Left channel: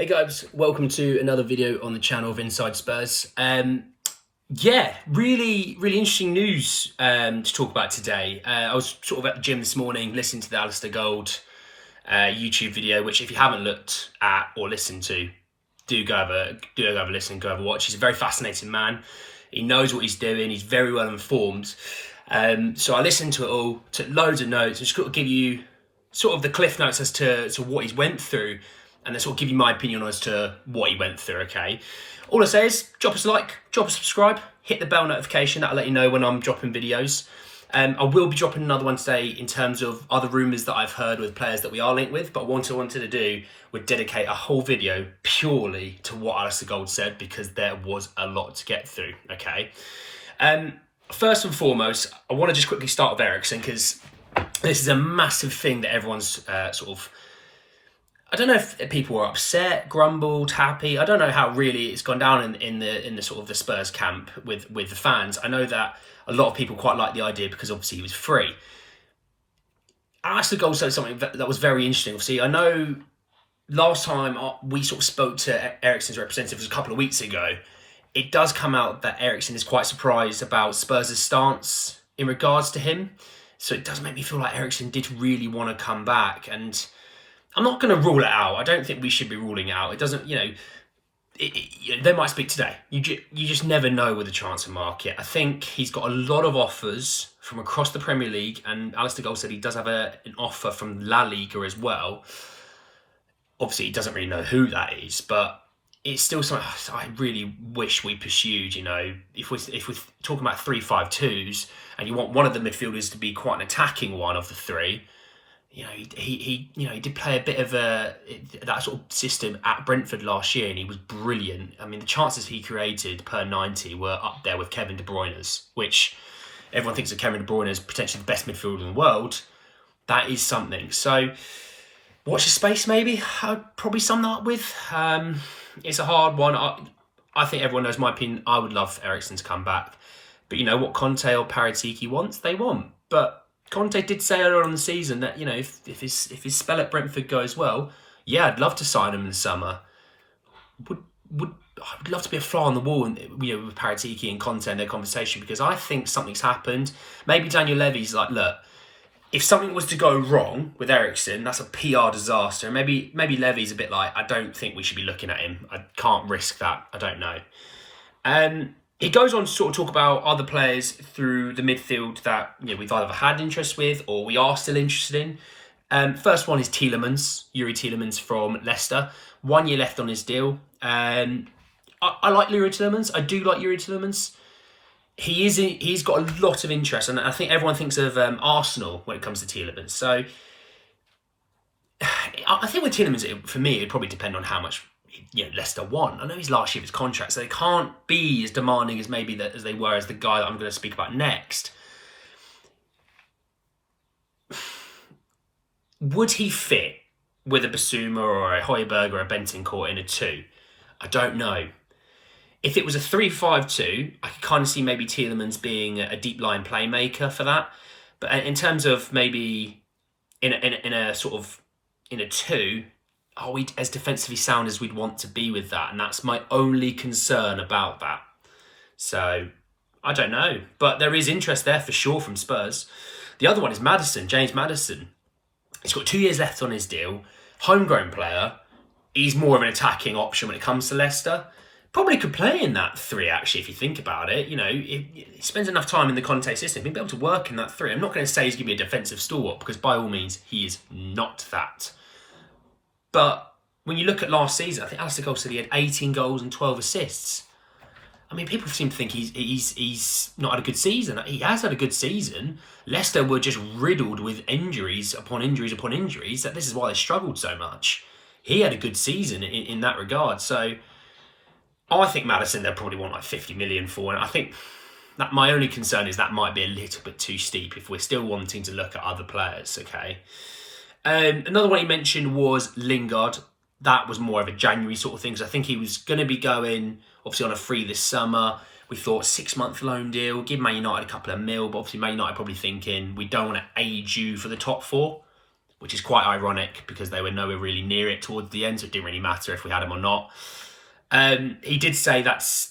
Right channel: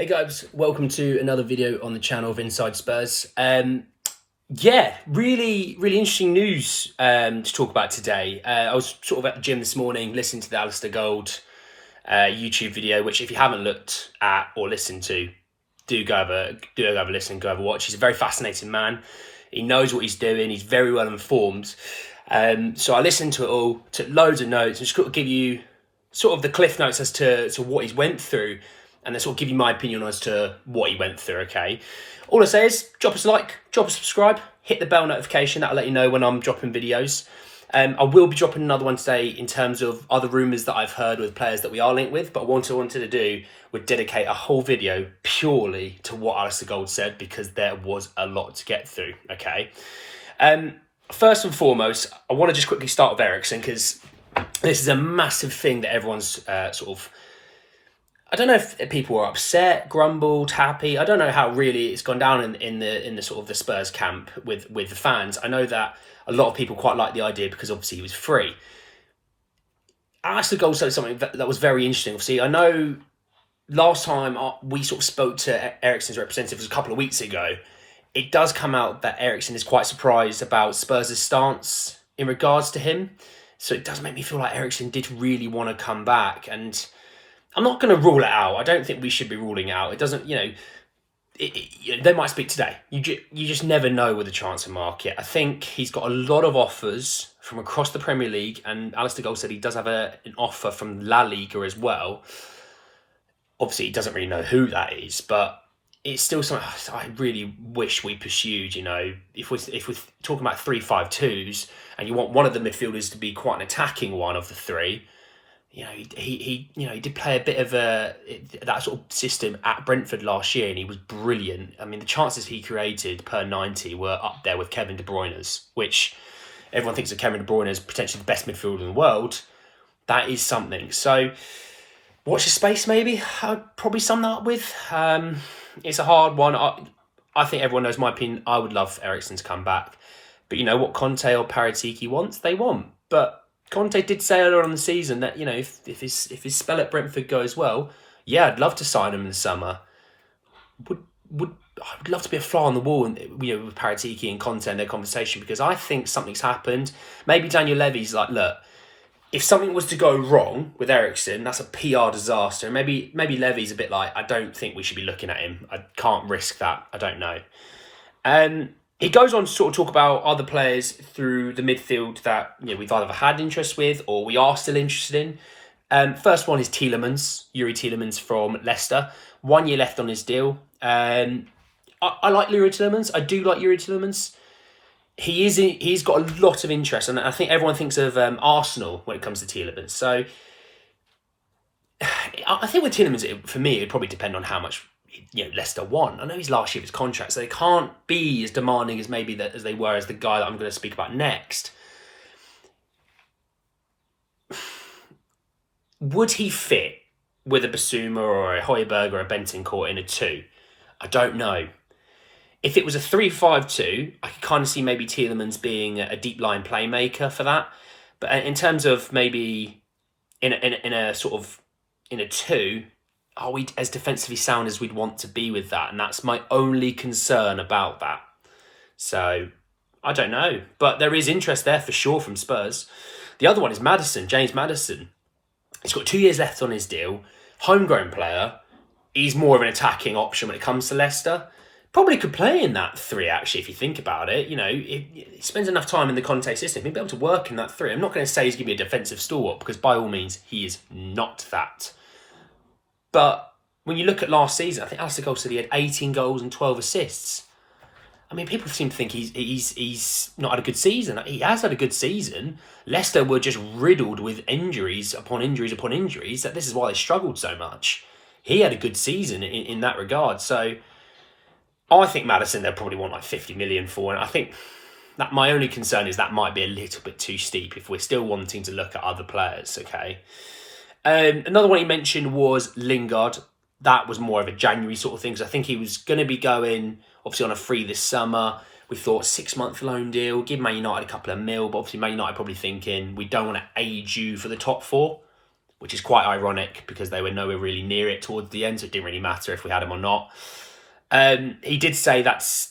Hey guys, welcome to another video on the channel of Inside Spurs. Yeah, really interesting news to talk about today. I was sort of at the gym this morning listening to the Alasdair YouTube video, which if you haven't looked at or listened to, do go have a listen, go have a watch. He's a very fascinating man. He knows what he's doing. He's very well informed. So I listened to it all, took loads of notes, and just got to give you sort of the cliff notes as to what he's went through, and then sort of give you my opinion as to what he went through, okay? All I say is drop us a like, drop a subscribe, hit the bell notification. That'll let you know when I'm dropping videos. I will be dropping another one today in terms of other rumours that I've heard with players that we are linked with, but what I wanted to do would dedicate a whole video purely to what Alasdair said, because there was a lot to get through, okay? First and foremost, I want to just quickly start with Eriksen, because this is a massive thing that everyone's I don't know if people were upset, grumbled, happy. I don't know how really it's gone down in the sort of the Spurs camp with the fans. I know that a lot of people quite like the idea because obviously he was free. Alasdair said something that was very interesting. Obviously, I know last time we sort of spoke to Eriksen's representatives a couple of weeks ago, it does come out that Eriksen is quite surprised about Spurs' stance in regards to him. So it does make me feel like Eriksen did really want to come back, and I'm not going to rule it out. I don't think we should be ruling it out. It doesn't, they might speak today. You just never know with the transfer market. I think he's got a lot of offers from across the Premier League, and Alasdair said he does have an offer from La Liga as well. Obviously, he doesn't really know who that is, but it's still something I really wish we pursued. If we're talking about 3-5-2s, and you want one of the midfielders to be quite an attacking one of the three. He did play a bit of that sort of system at Brentford last year, and he was brilliant. I mean, the chances he created per 90 were up there with Kevin De Bruyne's, which everyone thinks of Kevin De Bruyne as potentially the best midfielder in the world. That is something. So, watch the space. Maybe I'd probably sum that up with. It's a hard one. I think everyone knows my opinion. I would love Eriksen to come back, but you know what Conte or Paratiki wants, they want. But Conte did say earlier on the season that, if his spell at Brentford goes well, yeah, I'd love to sign him in the summer. I would love to be a fly on the wall, with Paratiki and Conte in their conversation, because I think something's happened. Maybe Daniel Levy's like, look, if something was to go wrong with Eriksen, that's a PR disaster. And maybe Levy's a bit like, I don't think we should be looking at him. I can't risk that. I don't know. He goes on to sort of talk about other players through the midfield that we've either had interest with or we are still interested in. First one is Yuri Tielemans from Leicester. 1 year left on his deal. I like Yuri Tielemans. I do like Yuri Tielemans. He's got a lot of interest, and I think everyone thinks of Arsenal when it comes to Tielemans. So I think with Tielemans, for me, it'd probably depend on how much Leicester want. I know he's last year of his contract, so they can't be as demanding as maybe as they were as the guy that I'm going to speak about next. Would he fit with a Basuma or a Højbjerg or a Bentancur in a 2? I don't know. If it was a 3-5-2, I could kind of see maybe Tielemans being a deep line playmaker for that. But in terms of maybe in a 2, are we as defensively sound as we'd want to be with that? And that's my only concern about that. So, I don't know. But there is interest there for sure from Spurs. The other one is Maddison, James Maddison. He's got 2 years left on his deal. Homegrown player. He's more of an attacking option when it comes to Leicester. Probably could play in that 3, actually, if you think about it. He spends enough time in the Conte system. He'd be able to work in that 3. I'm not going to say he's going to be a defensive stalwart, because by all means, he is not that. But when you look at last season, I think Alasdair said he had 18 goals and 12 assists. I mean, people seem to think he's not had a good season. He has had a good season. Leicester were just riddled with injuries upon injuries upon injuries. That this is why they struggled so much. He had a good season in that regard. So I think Maddison, they'll probably want like 50 million for. And I think that my only concern is that might be a little bit too steep if we're still wanting to look at other players, okay? Another one he mentioned was Lingard. That was more of a January sort of thing, because I think he was going to be going, obviously, on a free this summer. We thought 6-month loan deal, give Man United a couple of mil, but obviously Man United probably thinking, we don't want to age you for the top 4. which is quite ironic because they were nowhere really near it towards the end, so it didn't really matter if we had him or not. He did say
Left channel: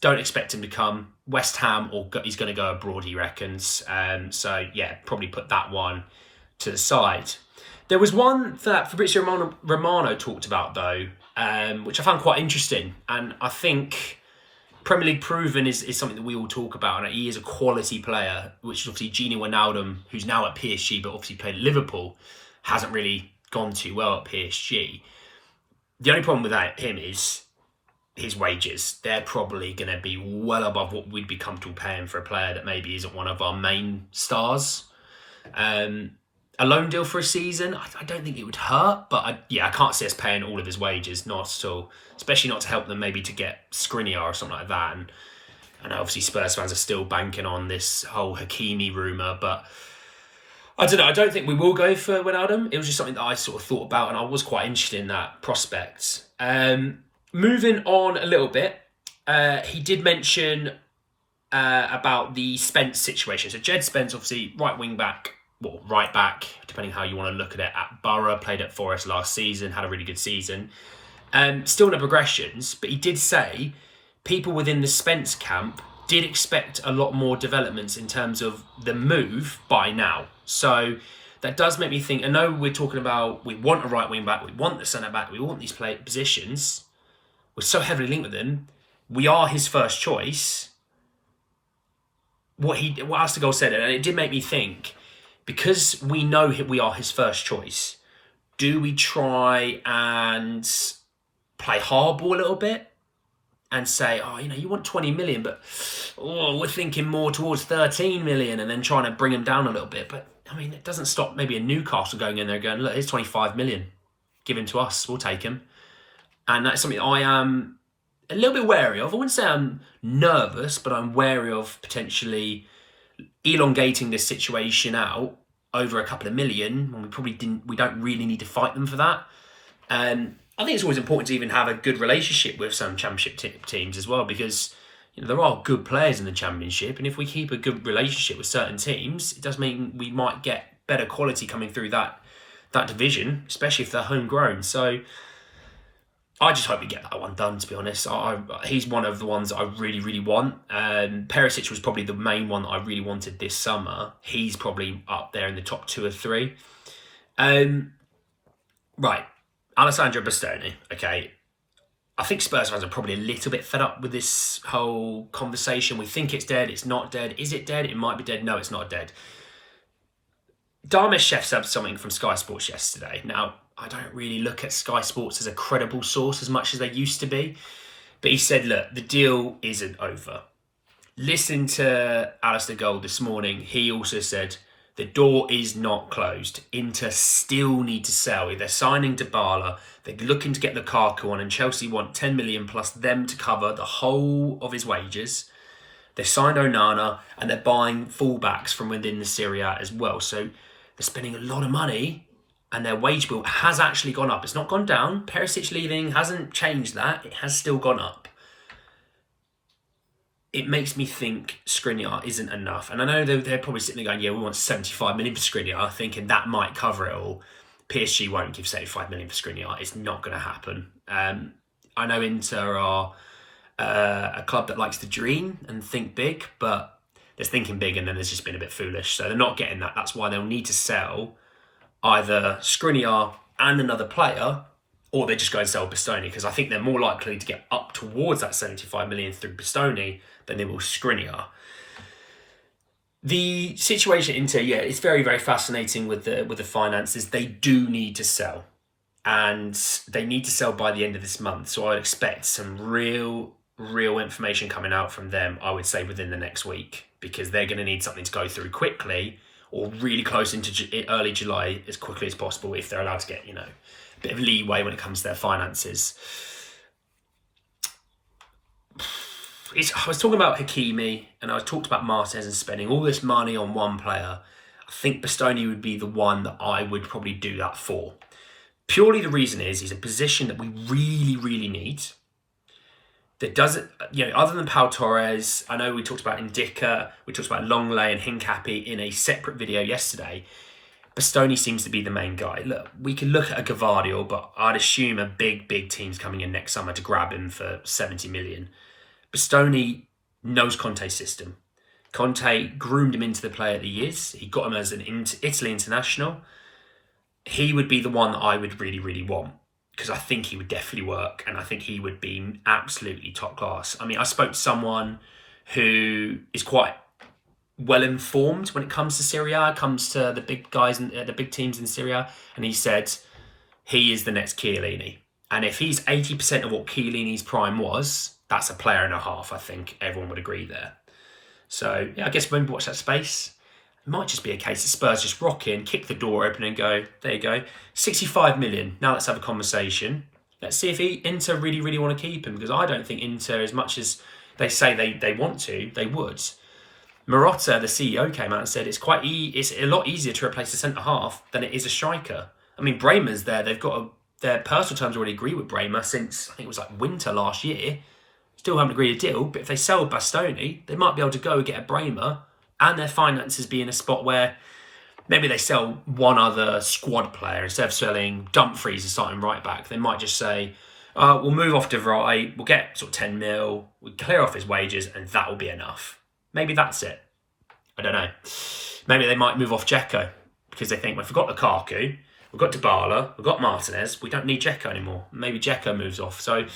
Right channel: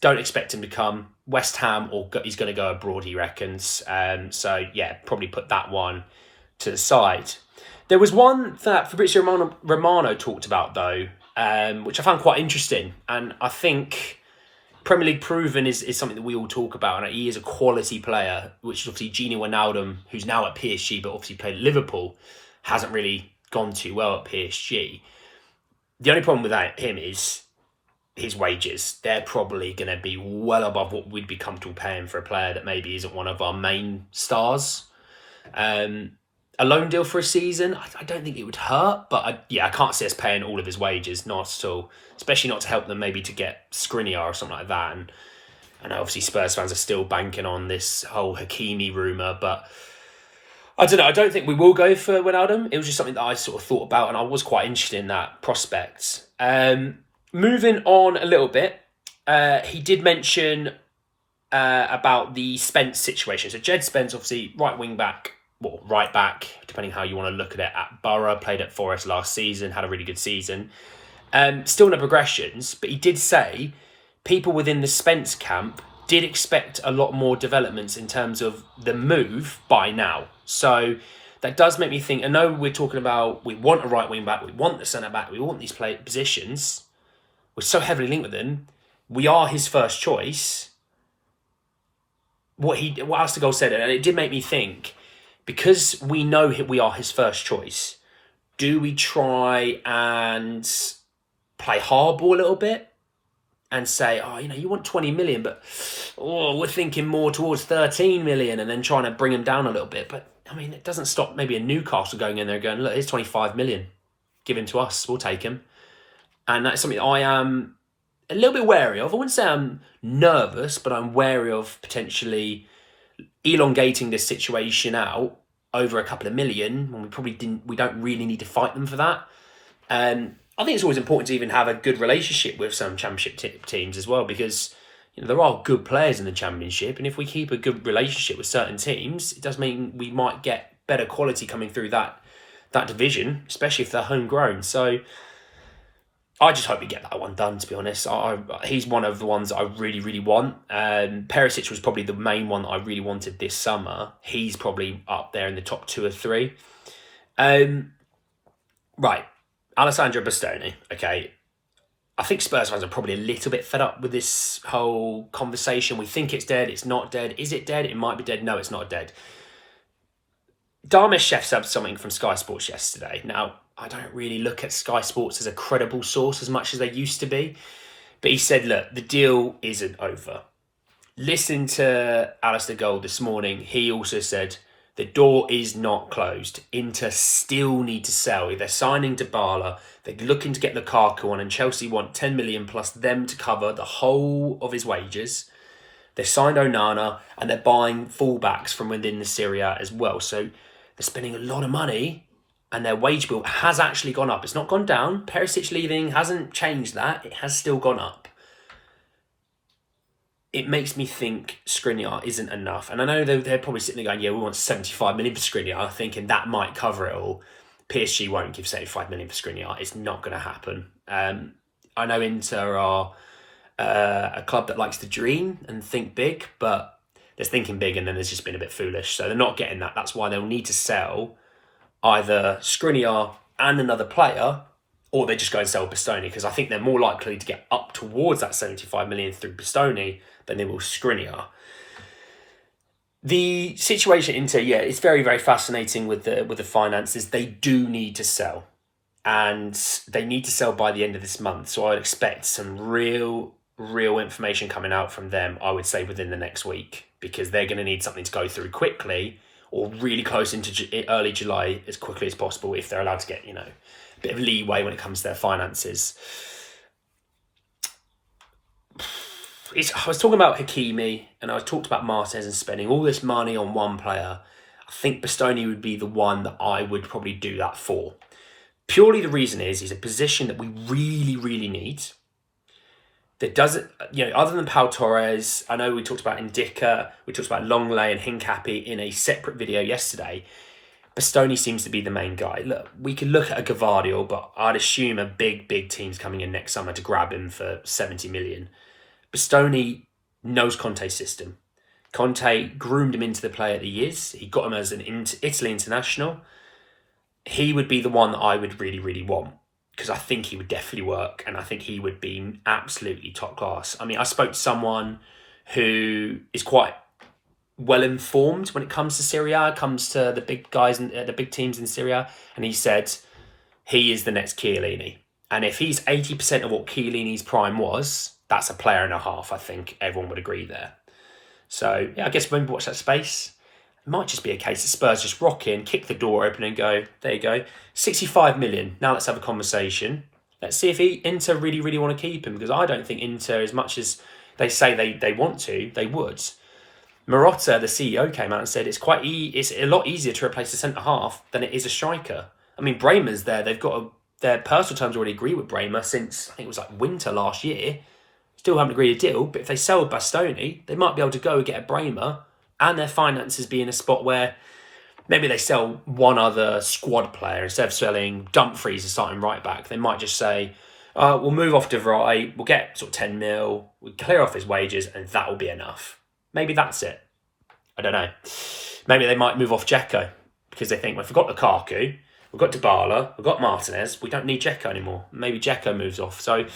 don't expect him to come West Ham or he's going to go abroad, he reckons. So, yeah, probably put that one to the side. There was one that Fabrizio Romano talked about, though, which I found quite interesting. And I think Premier League proven is something that we all talk about. And he is a quality player, which is obviously Gini Wijnaldum, who's now at PSG, but obviously played at Liverpool, hasn't really gone too well at PSG. The only problem with him is his wages. They're probably going to be well above what we'd be comfortable paying for a player that maybe isn't one of our main stars. A loan deal for a season, I don't think it would hurt, but I can't see us paying all of his wages, not at all. Especially not to help them maybe to get Skriniar or something like that. And I know obviously Spurs fans are still banking on this whole Hakimi rumour, but I don't know. I don't think we will go for Wijnaldum. It was just something that I sort of thought about, and I was quite interested in that prospect. Moving on a little bit, he did mention about the Spence situation. So Jed Spence, obviously right back, depending how you want to look at it, at Borough, played at Forest last season, had a really good season. Still no progressions, but he did say people within the Spence camp did expect a lot more developments in terms of the move by now. So that does make me think, I know we're talking about we want a right wing back, we want the centre back, we want these positions. We're so heavily linked with them. We are his first choice. What Alasdair said, and it did make me think, because we know we are his first choice, do we try and play hardball a little bit and say, you want 20 million, but we're thinking more towards 13 million, and then trying to bring him down a little bit. But I mean, it doesn't stop maybe a Newcastle going in there going, look, here's 25 million. Give him to us. We'll take him. And that's something I am a little bit wary of. I wouldn't say I'm nervous, but I'm wary of potentially elongating this situation out over a couple of million when we don't really need to fight them for that. I think it's always important to even have a good relationship with some championship teams as well, because there are good players in the championship, and if we keep a good relationship with certain teams, it does mean we might get better quality coming through that division, especially if they're homegrown. So I just hope we get that one done, to be honest. He's one of the ones that I really, really want. Perisic was probably the main one that I really wanted this summer. He's probably up there in the top 2 or 3. Right. Alessandro Bastoni. Okay. I think Spurs fans are probably a little bit fed up with this whole conversation. We think it's dead. It's not dead. Is it dead? It might be dead. No, it's not dead. Dharmesh Sheth said something from Sky Sports yesterday. Now, I don't really look at Sky Sports as a credible source as much as they used to be. But he said, look, the deal isn't over. Listening to Alasdair Gold this morning, he also said the door is not closed. Inter still need to sell. If they're signing Dybala, they're looking to get Lukaku on, and Chelsea want 10 million plus them to cover the whole of his wages. They've signed Onana, and they're buying fullbacks from within the Serie A as well. So they're spending a lot of money, and their wage bill has actually gone up. It's not gone down. Perisic leaving hasn't changed that. It has still gone up. It makes me think Skriniar isn't enough. And I know they're probably sitting there going, yeah, we want 75 million for Skriniar, thinking that might cover it all. PSG won't give 75 million for Skriniar. It's not going to happen. I know Inter are a club that likes to dream and think big, but there's thinking big and then there's just been a bit foolish. So they're not getting that. That's why they'll need to sell either Skriniar and another player, or they just go and sell Bastoni, because I think they're more likely to get up towards that 75 million through Bastoni than they will Skriniar. The situation Inter, it's very, very fascinating with the finances. They do need to sell, and they need to sell by the end of this month. So I would expect some real information coming out from them, I would say, within the next week, because they're going to need something to go through quickly, or really close into early July as quickly as possible, if they're allowed to get, a bit of leeway when it comes to their finances. I was talking about Hakimi, and I talked about Martinez and spending all this money on one player. I think Bastoni would be the one that I would probably do that for. Purely the reason is he's a position that we really, really need. That doesn't, other than Pau Torres, I know we talked about Indica, we talked about Longley and Hincapie in a separate video yesterday. Bastoni seems to be the main guy. Look, we could look at a Gavardiol, but I'd assume a big team's coming in next summer to grab him for 70 million. Bastoni knows Conte's system. Conte groomed him into the player that he is. He got him as an Italy international. He would be the one that I would really want, because I think he would definitely work, and I think he would be absolutely top class. I mean, I spoke to someone who is quite well informed when it comes to Serie A, comes to the big guys and the big teams in Serie A, and he said he is the next Chiellini. And if he's 80% of what Chiellini's prime was, that's a player and a half. I think everyone would agree there. So yeah, I guess maybe watch that space. It might just be a case that Spurs just rock in, kick the door open, and go, there you go, 65 million. Now let's have a conversation. Let's see if Inter really want to keep him, because I don't think Inter, as much as they say they want to, they would. Marotta, the CEO, came out and said it's a lot easier to replace the centre half than it is a striker. I mean, Bremer's there. They've got their personal terms already agree with Bremer since, I think it was like winter last year. Still haven't agreed a deal, but if they sell Bastoni, they might be able to go get a Bremer, and their finances be in a spot where maybe they sell one other squad player instead of selling Dumfries and starting right back. They might just say, we'll move off De Vrij, we'll get sort of 10 mil, we clear off his wages, and that will be enough. Maybe that's it. I don't know. Maybe they might move off Dzeko, because they think, well, if we've got Lukaku, we've got Dybala, we've got Martinez, we don't need Dzeko anymore. Maybe Dzeko moves off. So,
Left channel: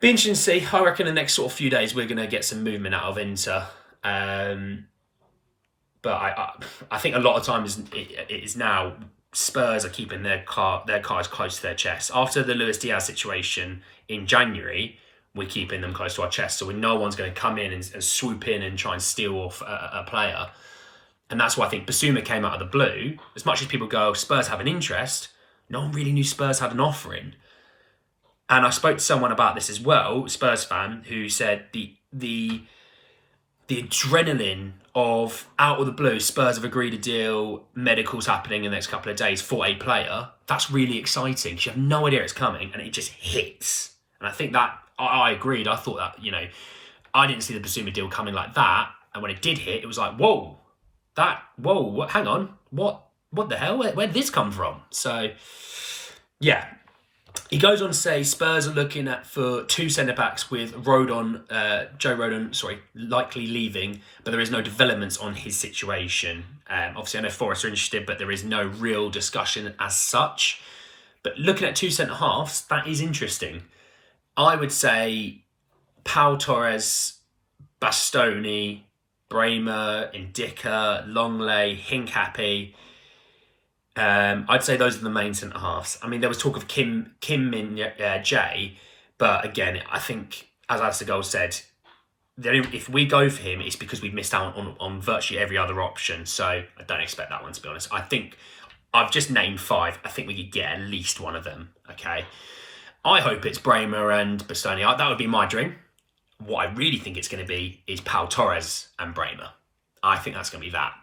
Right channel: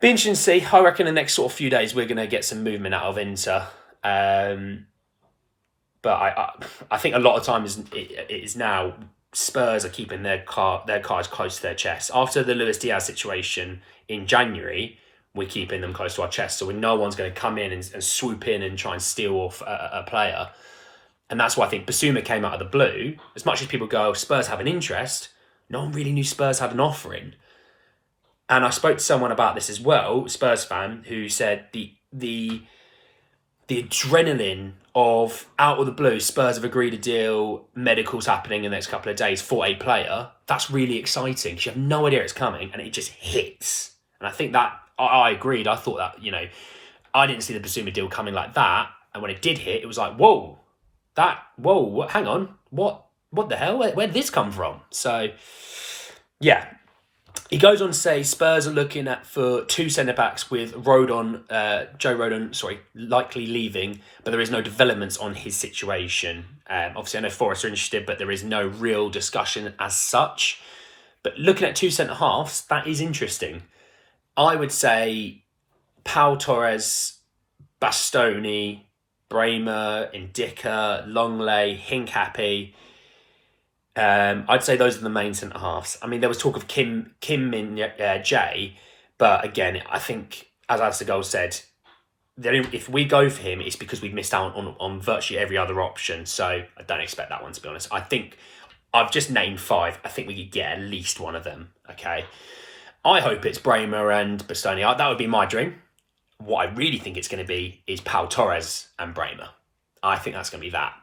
be interesting to see. I reckon the next sort of few days we're going to get some movement out of Inter. But I think a lot of times it is now Spurs are keeping their cards close to their chest. After the Luis Diaz situation in January, we're keeping them close to our chest. So no one's going to come in and swoop in and try and steal off a player. And that's why I think Basuma came out of the blue. As much as people go, Spurs have an interest, no one really knew Spurs had an offering. And I spoke to someone about this as well, Spurs fan, who said the adrenaline of out of the blue, Spurs have agreed a deal, medicals happening in the next couple of days for a player. That's really exciting, because you have no idea it's coming and it just hits. And I think that, I agreed. I thought that, I didn't see the Basuma deal coming like that. And when it did hit, it was like, hang on, what the hell? Where did this come from? So, yeah. He goes on to say Spurs are looking for two centre-backs with Joe Rodon, likely leaving, but there is no developments on his situation. Obviously, I know Forest are interested, but there is no real discussion as such. But looking at two centre-halves, that is interesting. I would say Pau Torres, Bastoni, Bremer, Indika, Longley, Hincapie. I'd say those are the main centre halves. I mean, there was talk of Kim Min Jae, but again, I think, as Alasdair said, if we go for him, it's because we've missed out on virtually every other option. So I don't expect that one, to be honest. I think I've just named 5. I think we could get at least one of them. Okay. I hope it's Bremer and Bastoni. That would be my dream. What I really think it's going to be is Pau Torres and Bremer. I think that's going to be that.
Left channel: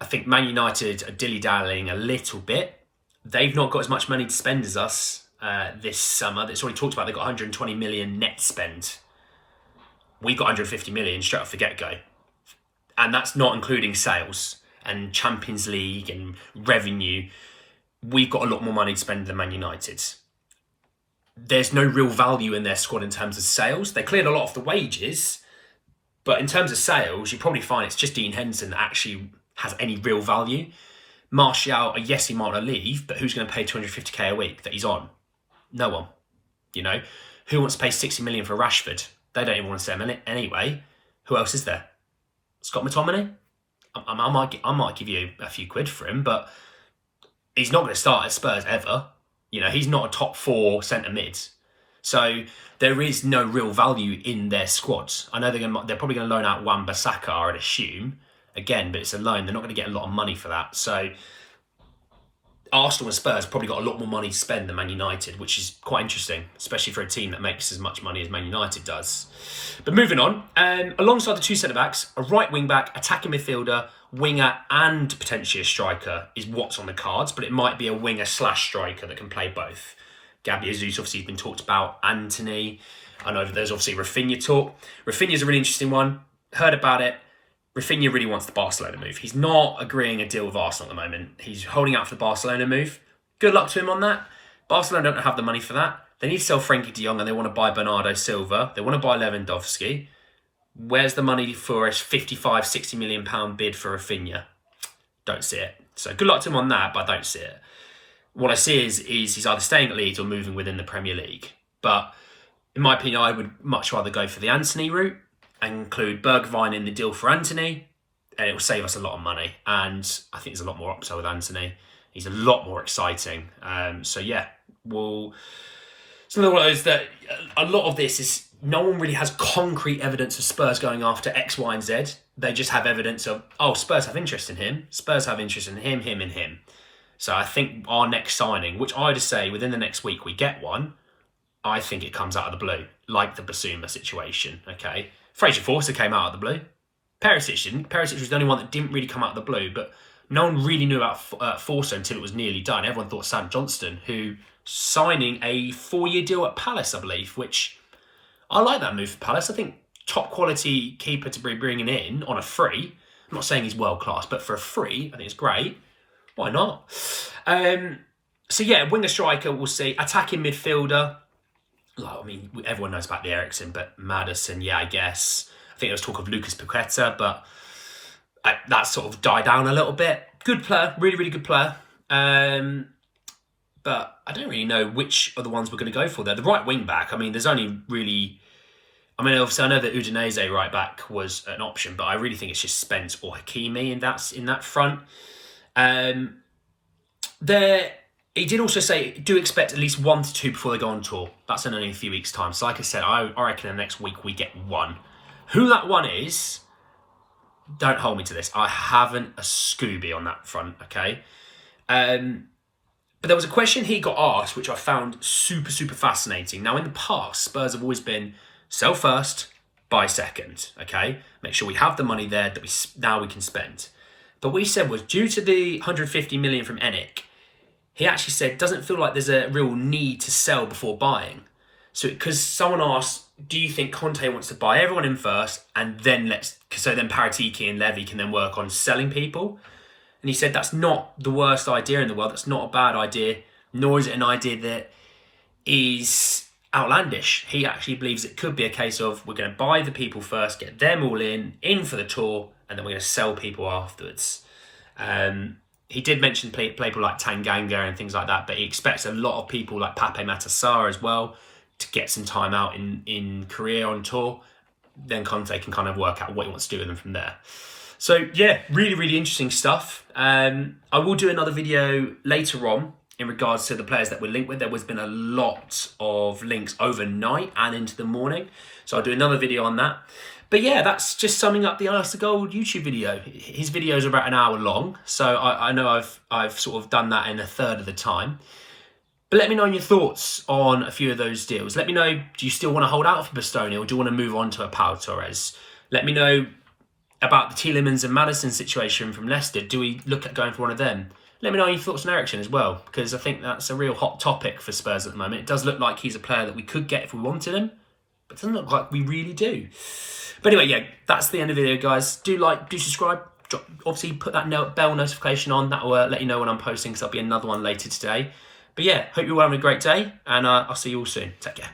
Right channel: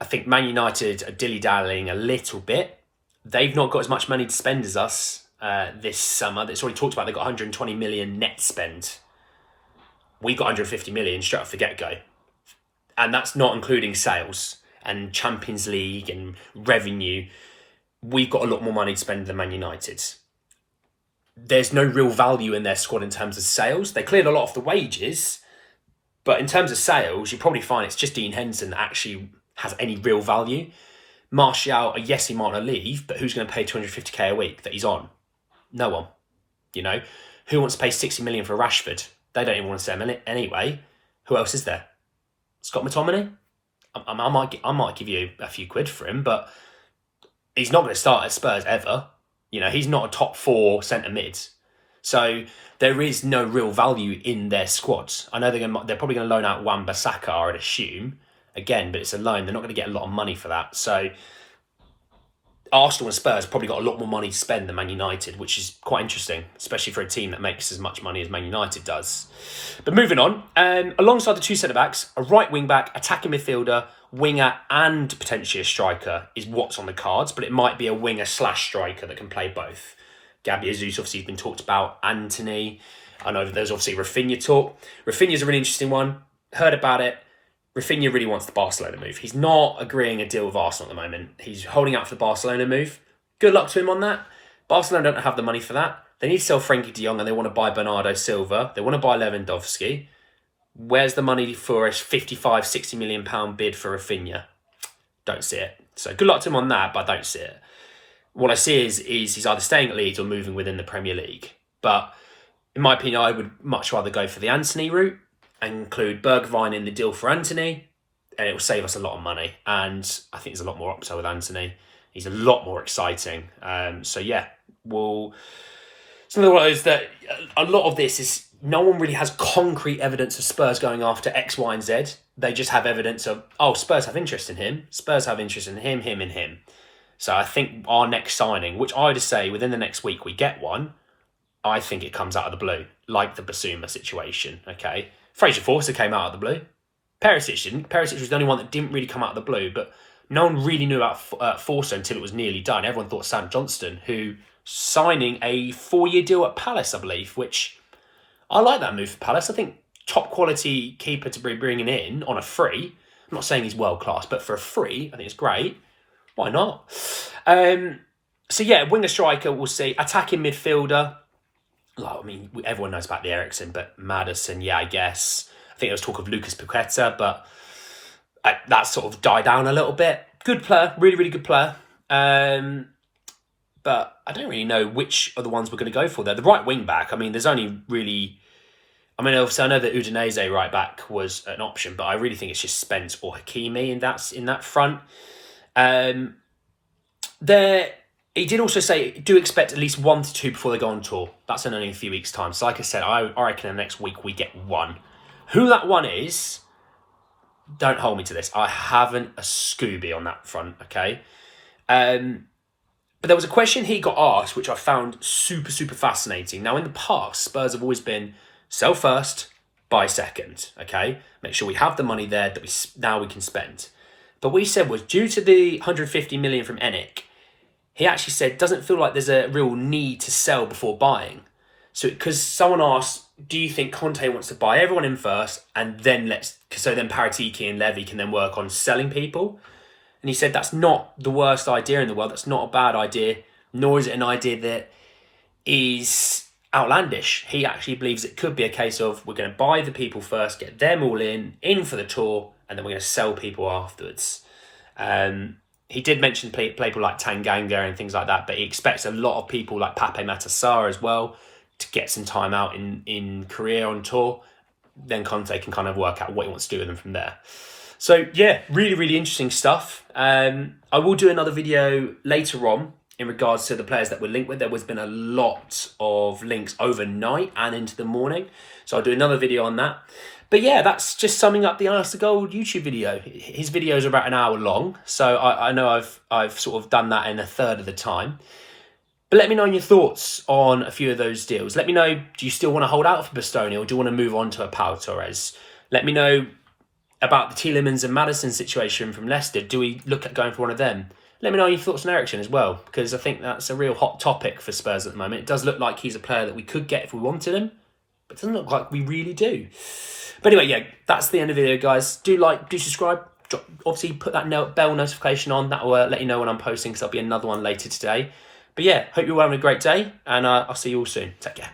I think Man United are dilly-dallying a little bit. They've not got as much money to spend as us this summer. It's already talked about. They've got 120 million net spend. We've got 150 million straight off the get-go. And that's not including sales and Champions League and revenue. We've got a lot more money to spend than Man United. There's no real value in their squad in terms of sales. They cleared a lot off the wages, but in terms of sales, you probably find it's just Dean Henderson that actually has any real value. Martial, yes, he might not leave, but who's going to pay 250k a week that he's on? No one. Who wants to pay 60 million for Rashford? They don't even want to sell him anyway. Who else is there? Scott McTominay? I might give you a few quid for him, but he's not going to start at Spurs ever. He's not a top 4 centre mid. So there is no real value in their squads. I know they're probably going to loan out Wan-Bissaka, I'd assume. Again, but it's a loan. They're not going to get a lot of money for that. So Arsenal and Spurs probably got a lot more money to spend than Man United, which is quite interesting, especially for a team that makes as much money as Man United does. But moving on, alongside the two centre-backs, a right wing-back, attacking midfielder, winger and potentially a striker is what's on the cards, but it might be a winger/striker that can play both. Gabby Jesus obviously has been talked about. Anthony. I know there's obviously Rafinha talk. Rafinha's a really interesting one. Heard about it. Rafinha really wants the Barcelona move. He's not agreeing a deal with Arsenal at the moment. He's holding out for the Barcelona move. Good luck to him on that. Barcelona don't have the money for that. They need to sell Frenkie de Jong and they want to buy Bernardo Silva. They want to buy Lewandowski. Where's the money for a 55, 60 million pound bid for Rafinha? Don't see it. So good luck to him on that, but I don't see it. What I see is he's either staying at Leeds or moving within the Premier League. But in my opinion, I would much rather go for the Antony route and include Bergwijn in the deal for Antony, and it will save us a lot of money. And I think there's a lot more upside with Antony. He's a lot more exciting. So yeah, it's another one of those that a lot of this is no one really has concrete evidence of Spurs going after X, Y, and Z. They just have evidence of, oh, Spurs have interest in him. Spurs have interest in him, and him. So I think our next signing, which I would say within the next week we get one, I think it comes out of the blue, like the Basuma situation, okay? Fraser Forster came out of the blue. Perisic didn't. Perisic was the only one that didn't really come out of the blue, but no one really knew about Forster until it was nearly done. Everyone thought Sam Johnston, who signing a 4-year deal at Palace, I believe, which I like that move for Palace. I think top quality keeper to be bringing in on a free. I'm not saying he's world class, but for a free, I think it's great. Why not? So yeah, winger striker, we'll see. Attacking midfielder. I mean, everyone knows about the Eriksen, but Maddison, yeah, I guess. I think there was talk of Lucas Paqueta, but that sort of died down a little bit. Good player, really, really good player. But I don't really know which of the ones we're going to go for there. The right wing back, I mean, there's only really... I mean, obviously, I know that Udinese right back was an option, but I really think it's just Spence or Hakimi in that front. He did also say, do expect at least 1 to 2 before they go on tour. That's in only a few weeks' time. So like I said, I reckon in the next week we get one. Who that one is, don't hold me to this. I haven't a Scooby on that front, okay? But there was a question he got asked, which I found super, super fascinating. Now, in the past, Spurs have always been sell first, buy second, okay? Make sure we have the money there that we can spend. But what he said was, due to the 150 million from ENIC, he actually said, doesn't feel like there's a real need to sell before buying. So, because someone asked, do you think Conte wants to buy everyone in first and then so then Paratiki and Levy can then work on selling people? And he said, that's not the worst idea in the world. That's not a bad idea, nor is it an idea that is outlandish. He actually believes it could be a case of we're going to buy the people first, get them all in for the tour, and then we're going to sell people afterwards. He did mention people like Tanganga and things like that, but he expects a lot of people like Pape Matar as well to get some time out in Korea on tour. Then Conte can kind of work out what he wants to do with them from there. So yeah, really, really interesting stuff. I will do another video later on in regards to the players that we're linked with. There has been a lot of links overnight and into the morning. So I'll do another video on that. But yeah, that's just summing up the Alasdair Gold YouTube video. His videos are about an hour long. So I know I've sort of done that in a third of the time. But let me know your thoughts on a few of those deals. Let me know, do you still want to hold out for Bastoni or do you want to move on to a Pau Torres? Let me know about the Tielemans and Maddison situation from Leicester. Do we look at going for one of them? Let me know your thoughts on Eriksen as well, because I think that's a real hot topic for Spurs at the moment. It does look like he's a player that we could get if we wanted him, but it doesn't look like we really do. But anyway, yeah, that's the end of the video, guys. Do like, do subscribe. Obviously, put that bell notification on. That will let you know when I'm posting, because there'll be another one later today. But yeah, hope you're all having a great day, and I'll see you all soon. Take care.